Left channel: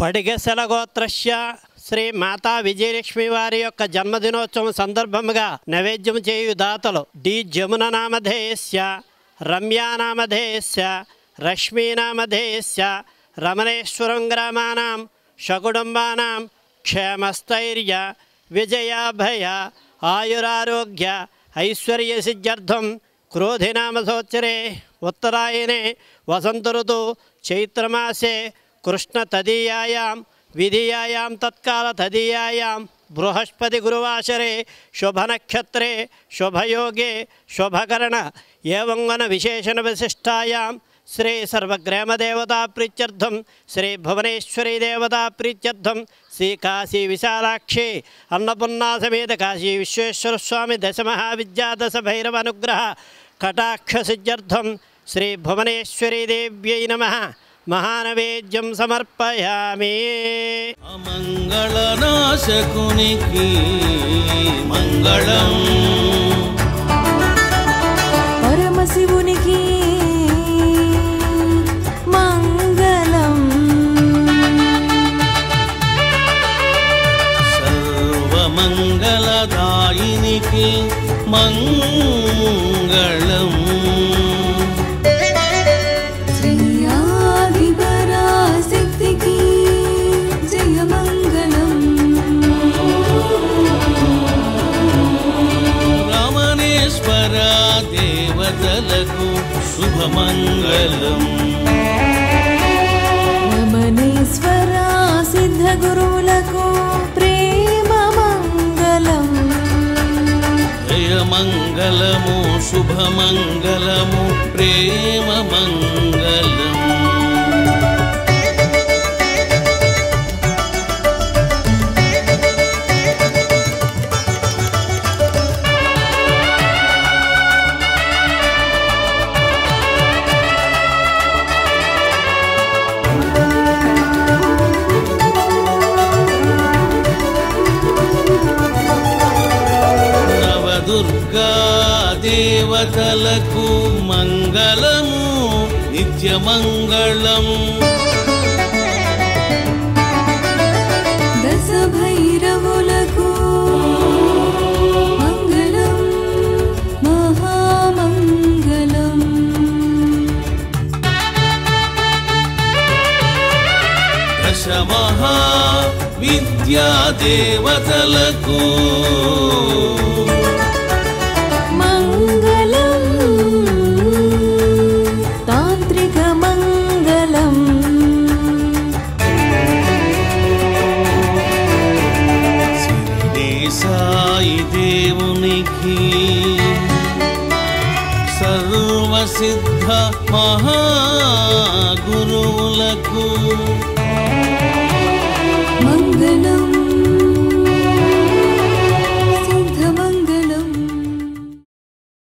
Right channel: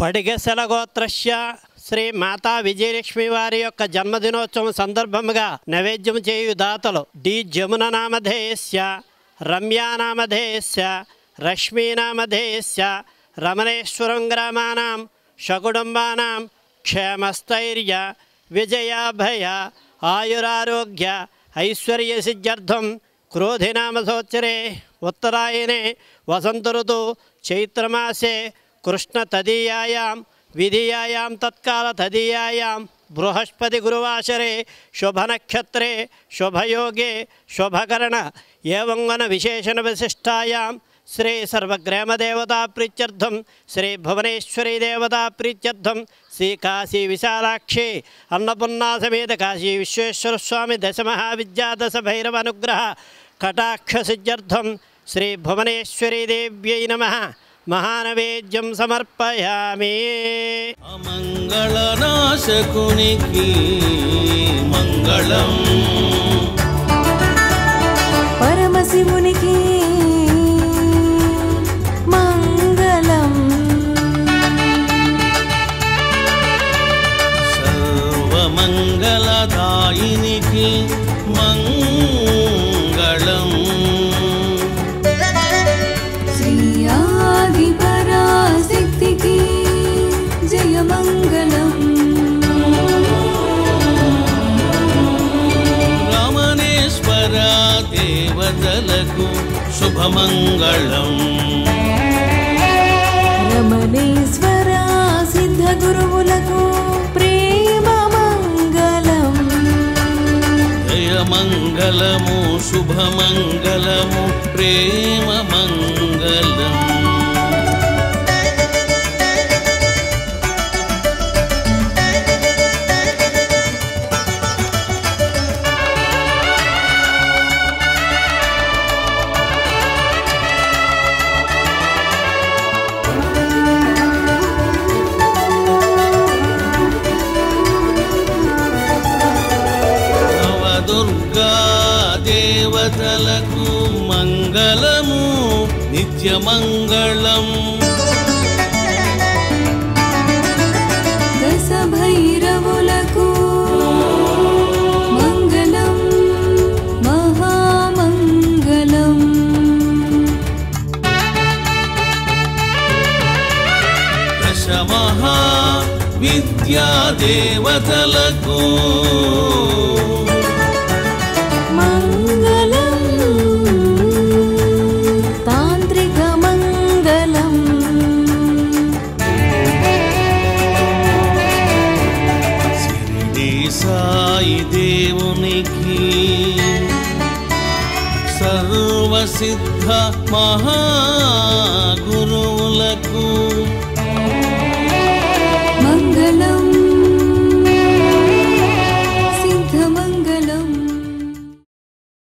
పడిగెసల గోత్రస్య శ్రీ మాతా విజయలక్ష్మి వారి యొక్క జన్మదినోత్సవం సందర్భముగా నైవేద్యం చేయు దాతలు డి జమున నామధేయస్య, రమ్యా నామధేయస్య, రశ్మీ నామధేయస్య రమణేశ్వరం గ్రామానాం సకుటుంబానాం క్షేమస్థైర్య విజయాభయ ఆయురారోగ్య ఐశ్వర్య సిద్ధ్యర్థం క్రోధినామ సంవత్సరే ఉత్తరాయణే వసంత ఋతు చైత్రమాసే కృష్ణ తదీయాయాం విధియాయాం తత్కాల తదీయాయాం బృహస్పతి గురువాసరే శుభనక్షత్రే శుభయోగే శుభకరణ ఏవంగన విశేషణ విశిష్టాయాం శ్రీ సర్వగ్రామదేవతా ప్రీత్యర్థం శ్రీ భువనేశ్వరీ దేవతా ప్రీత్యర్థం శ్రీ కాశీ విశాలాక్షి అన్నపూర్ణా సమేత కాశీ విశ్వేశ్వర స్వామి దశమహావిద్యాదశ భైరవ అనుగ్రహ కటాక్ష సిద్ధ్యర్థం శ్రీ భువనేశ్వరీ దేవ్యై నమః మహానైవేద్యం సమర్పయామి. అమంగళనాశకునికి మంగళం, పరమశివునికి మంగళం, సర్వమంగళదాయినికి మంగళం, శ్రీయాదిపరాశక్తికి జయమంగళం, రమణేశ్వర దేవతలకు శుభమంగళం, రమణేశ్వర సిద్ధ గురువులకు ప్రేమ మంగళం, జయమంగళము శుభమంగళము ప్రేమ మంగళం. నవదుర్గా దేవతలకు మంగళము నిత్యమంగళం, దశ భైరవులకు మంగళం మహామంగళం, దశమహా విద్యాదేవతలకు మంగళం తాంత్రిక మంగళం, షిరిడి సాయి దేవునికి సర్వసిద్ధ మహాగురువులకు మంగళం